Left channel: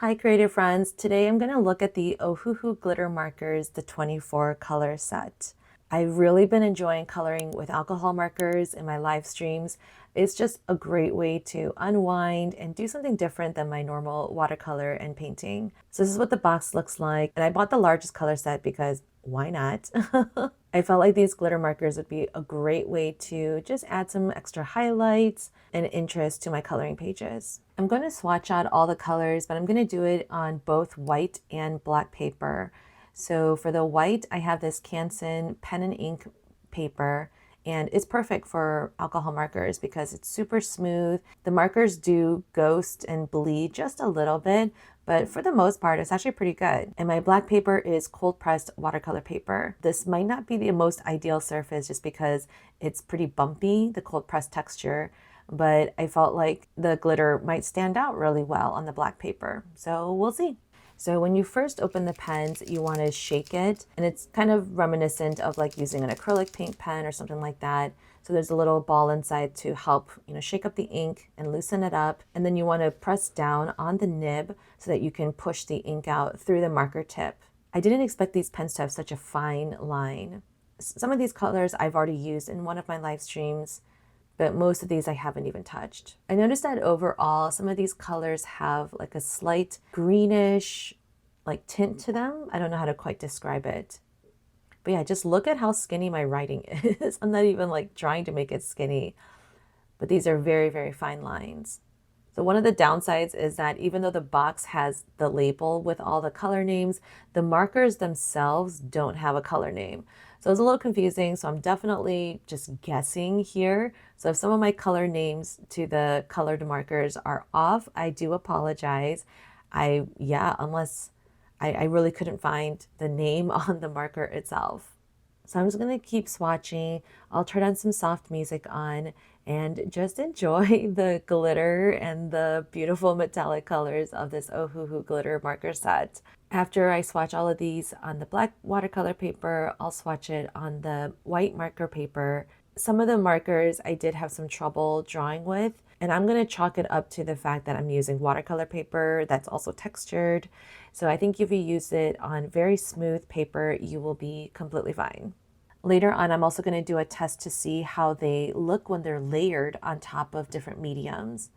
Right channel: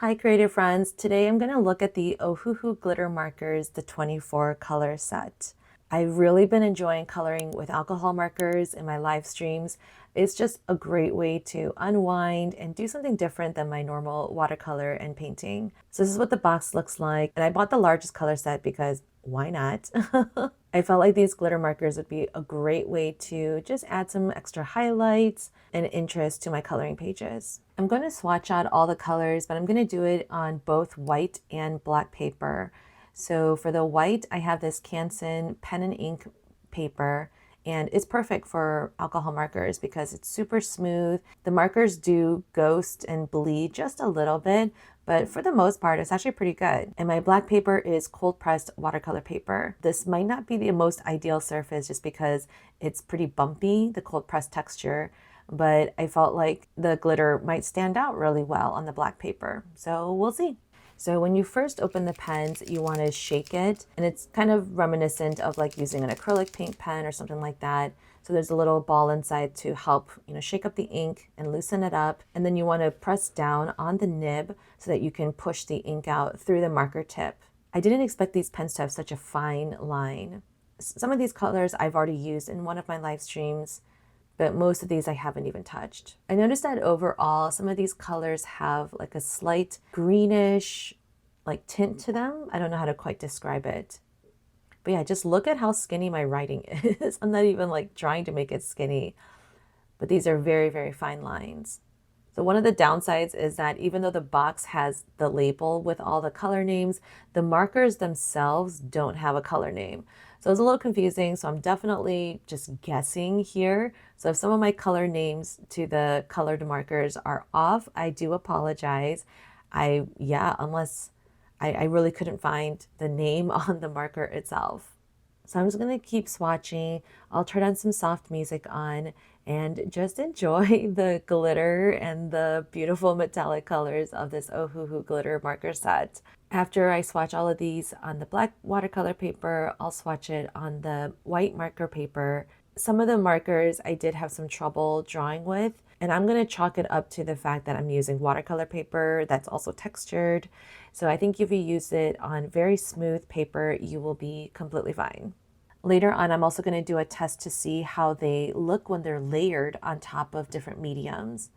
Hi creative friends, today I'm going to look at the Ohuhu Glitter Markers, the 24 color set. I've really been enjoying coloring with alcohol markers in my live streams. It's just a great way to unwind and do something different than my normal watercolor and painting. So this is what the box looks like, and I bought the largest color set because why not? I felt like these glitter markers would be a great way to just add some extra highlights and interest to my coloring pages. I'm going to swatch out all the colors, but I'm going to do it on both white and black paper. So for the white, I have this Canson pen and ink paper, and it's perfect for alcohol markers because it's super smooth. The markers do ghost and bleed just a little bit, but for the most part, it's actually pretty good. And my black paper is cold pressed watercolor paper. This might not be the most ideal surface just because it's pretty bumpy, the cold pressed texture, but I felt like the glitter might stand out really well on the black paper. So we'll see. So when you first open the pens, you want to shake it, and it's kind of reminiscent of like using an acrylic paint pen or something like that. So there's a little ball inside to help, shake up the ink and loosen it up. And then you want to press down on the nib so that you can push the ink out through the marker tip. I didn't expect these pens to have such a fine line. Some of these colors I've already used in one of my live streams, but most of these I haven't even touched. I noticed that overall, some of these colors have like a slight greenish like tint to them. I don't know how to quite describe it. But yeah, just look at how skinny my writing is. I'm not even like trying to make it skinny, but these are very, very fine lines. So one of the downsides is that even though the box has the label with all the color names, the markers themselves don't have a color name. So it's a little confusing. So I'm definitely just guessing here. So if some of my color names to the colored markers are off, I do apologize. Unless I really couldn't find the name on the marker itself. So I'm just going to keep swatching. I'll turn on some soft music on and just enjoy the glitter and the beautiful metallic colors of this Ohuhu glitter marker set. After I swatch all of these on the black watercolor paper, I'll swatch it on the white marker paper. Some of the markers I did have some trouble drawing with, and I'm going to chalk it up to the fact that I'm using watercolor paper that's also textured. So I think if you use it on very smooth paper, you will be completely fine. Later on, I'm also going to do a test to see how they look when they're layered on top of different mediums.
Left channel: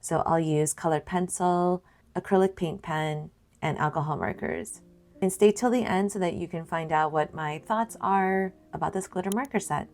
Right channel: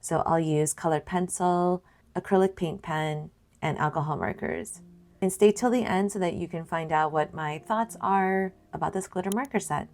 So I'll use colored pencil, acrylic paint pen, and alcohol markers. And stay till the end so that you can find out what my thoughts are about this glitter marker set.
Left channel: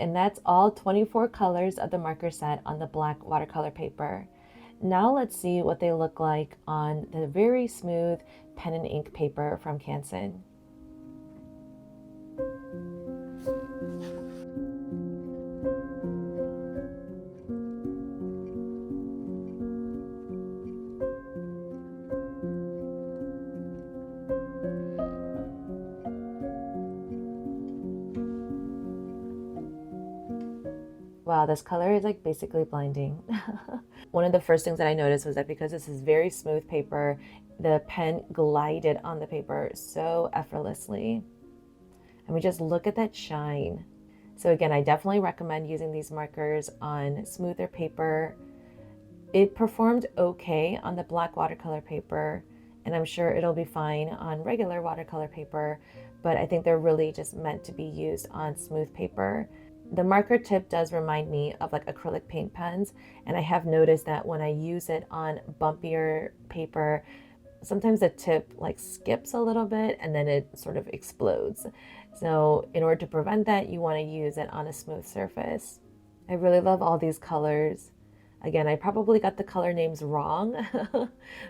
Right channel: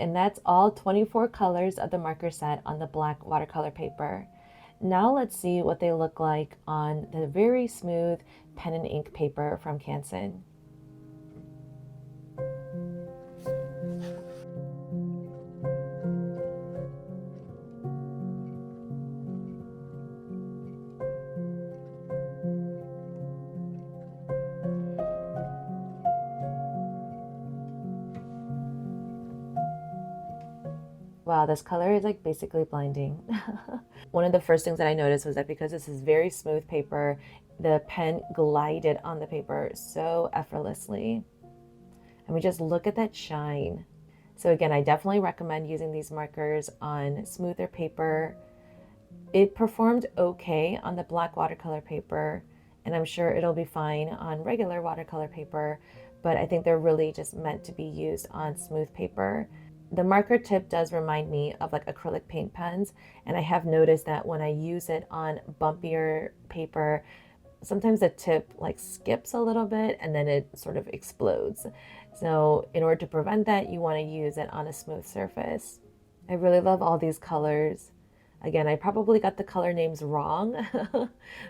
and that's all 24 colors of the marker set on the black watercolor paper. Now let's see what they look like on the very smooth pen and ink paper from Canson. Wow, this color is like basically blinding. One of the first things that I noticed was that because this is very smooth paper, the pen glided on the paper so effortlessly. I mean, just look at that shine. So again, I definitely recommend using these markers on smoother paper. It performed okay on the black watercolor paper, and I'm sure it'll be fine on regular watercolor paper, but I think they're really just meant to be used on smooth paper. The marker tip does remind me of like acrylic paint pens, and I have noticed that when I use it on bumpier paper, sometimes the tip like skips a little bit and then it sort of explodes. So in order to prevent that, you want to use it on a smooth surface. I really love all these colors. Again, I probably got the color names wrong,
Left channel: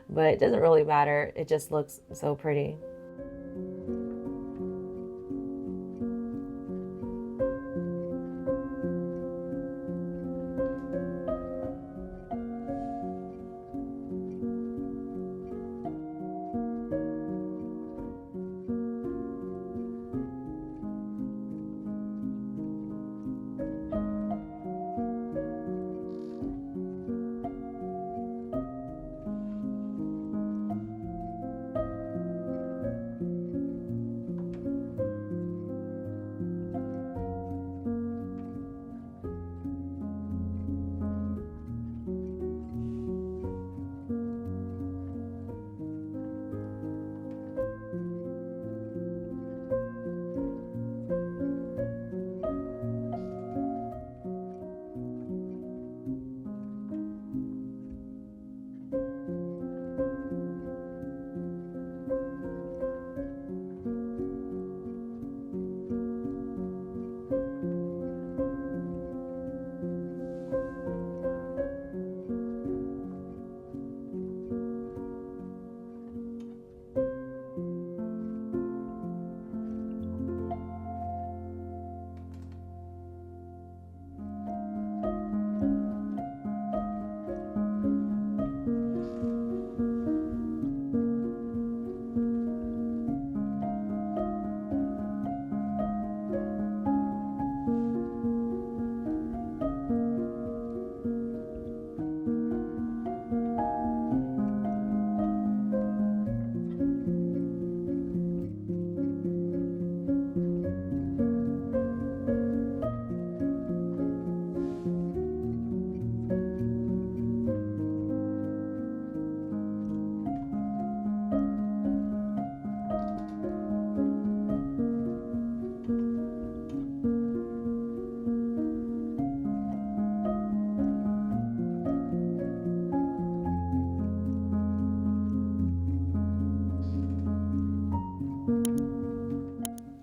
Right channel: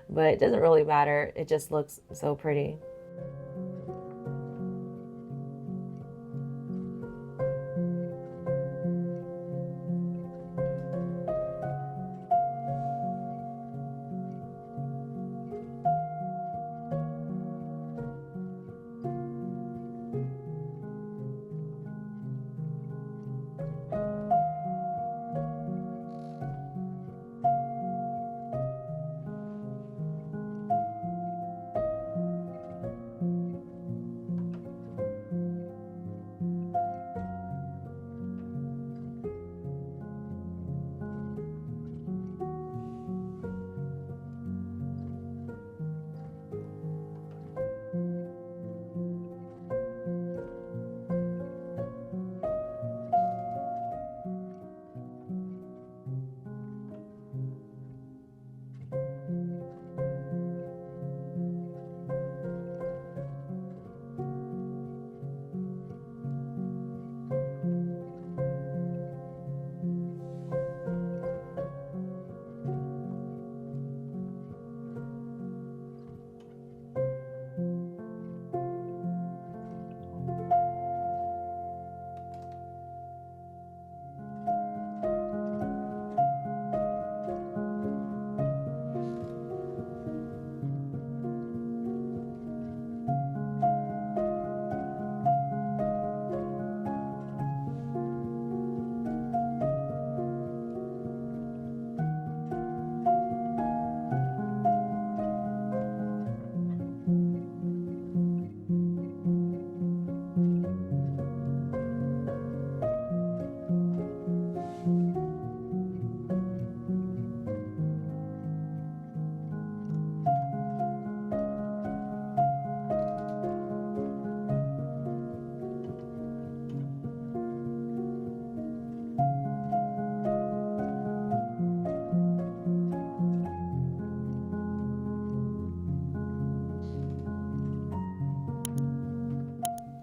but it doesn't really matter. It just looks so pretty.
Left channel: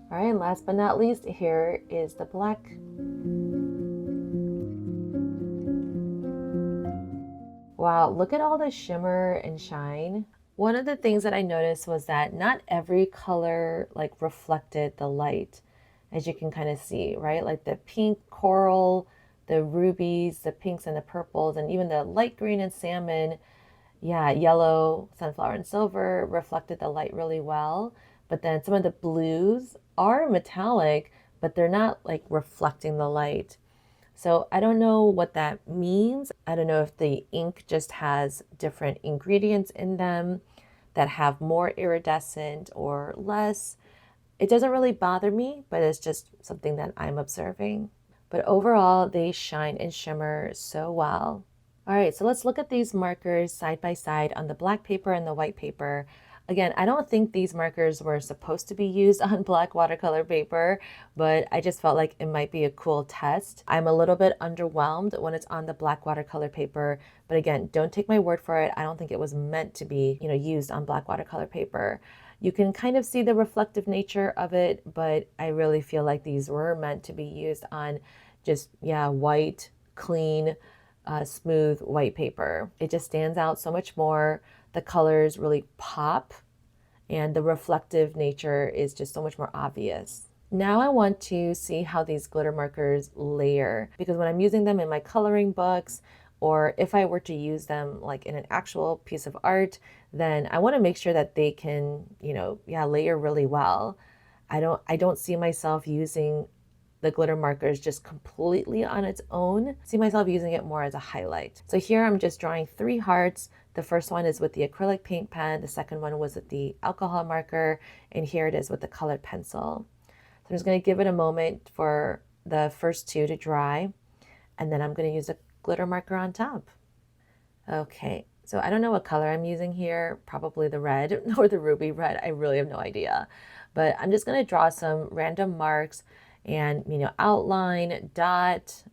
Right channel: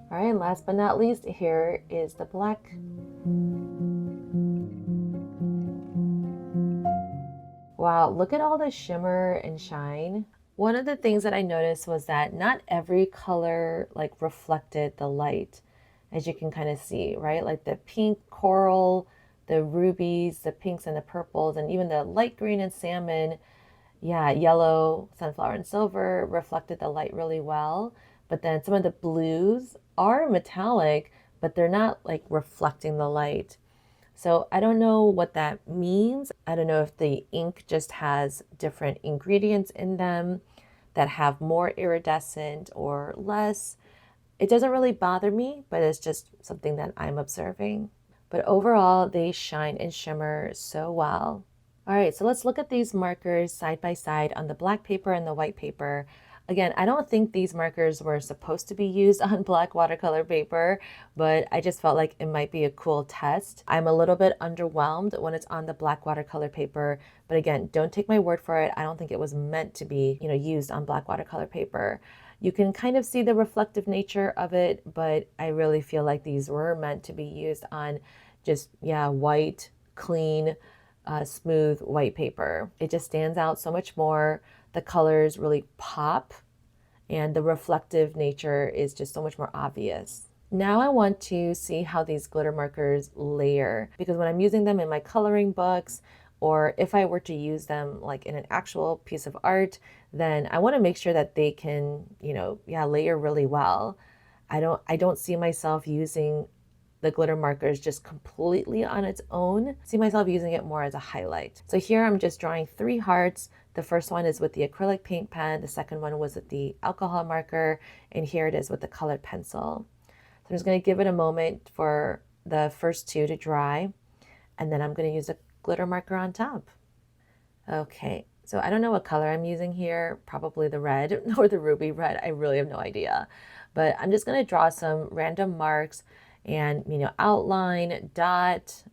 All right, last but not least, here is the black. Wow, look at all the shimmer and shine. One of the things that I noticed was that not every color like reflected the light, as you can kind of see, right? Like the pink coral, the rubies, the pinks and the purples, and even the light green and salmon, yeah, yellow, sunflower and silver reflected the light really well. But then some of the blues are metallic, but they're not like reflecting the light. So I don't know what that means. I don't know if the ink just has different ingredients in them that have more iridescent or less. It doesn't really bother me, but it's just something that I'm observing. But overall, they shine and shimmer so well. All right, so let's look at these markers side by side on the black paper and the white paper. Again, I don't think these markers were supposed to be used on black watercolor paper, but I just felt like it might be a cool test. I'm a little bit underwhelmed when it's on the black watercolor paper, but again, don't take my word for it. I don't think it was meant to be, used on black watercolor paper. You can kind of see the reflective nature of it, but I really feel like these were meant to be used on just, yeah, white, clean, smooth white paper. It just stands out so much more. The colors really pop, and the reflective nature is just so much more obvious. Now I want to see how these glitter markers layer, because when I'm using them in my coloring books, or if I were to use them like in an actual piece of art, then I want to make sure that they can, yeah, layer really well. I don't see myself using the glitter markers just completely on its own. I see myself using it more as a highlight. So here I'm just drawing 3 hearts. The first one is with the acrylic paint pen. The second one was with the alcohol marker. And here it is with the colored pencil. So I'm just going to give it a moment for the first 2 to dry. And then I'm going to use a glitter marker on top. Okay, so I don't know what color I'm using here. Probably the red or the ruby red. I really have no idea. But I'm just going to draw some random marks and, outline, dot,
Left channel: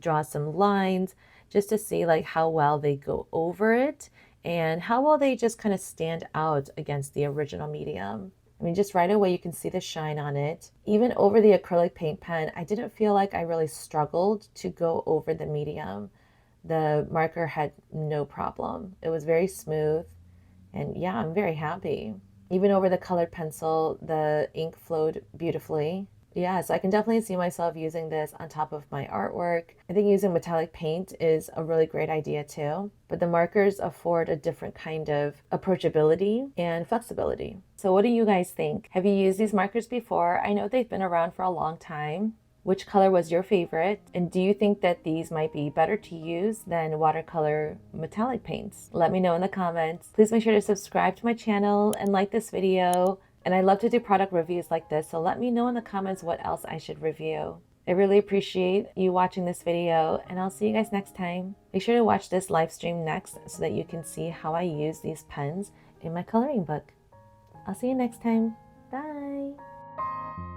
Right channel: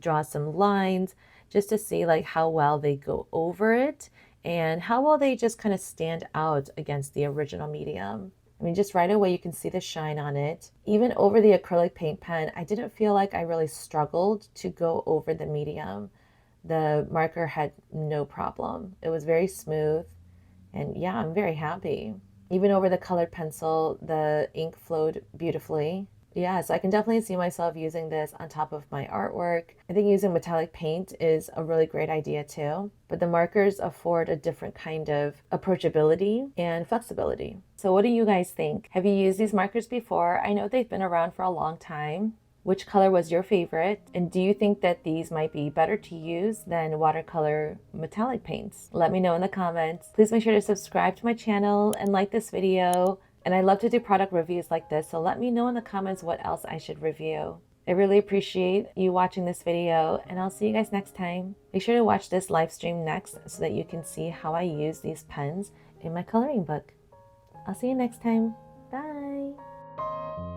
draw some lines just to see like how well they go over it and how well they just kind of stand out against the original medium. I mean, just right away you can see the shine on it. Even over the acrylic paint pen, I didn't feel like I really struggled to go over the medium. The marker had no problem. It was very smooth, and yeah, I'm very happy. Even over the colored pencil, the ink flowed beautifully. Yeah, so I can definitely see myself using this on top of my artwork. I think using metallic paint is a really great idea too, but the markers afford a different kind of approachability and flexibility. So what do you guys think? Have you used these markers before? I know they've been around for a long time. Which color was your favorite? And do you think that these might be better to use than watercolor metallic paints? Let me know in the comments. Please make sure to subscribe to my channel and like this video. And I love to do product reviews like this, so let me know in the comments what else I should review. I really appreciate you watching this video, and I'll see you guys next time. Make sure to watch this live stream next so that you can see how I use these pens in my coloring book. I'll see you next time. Bye!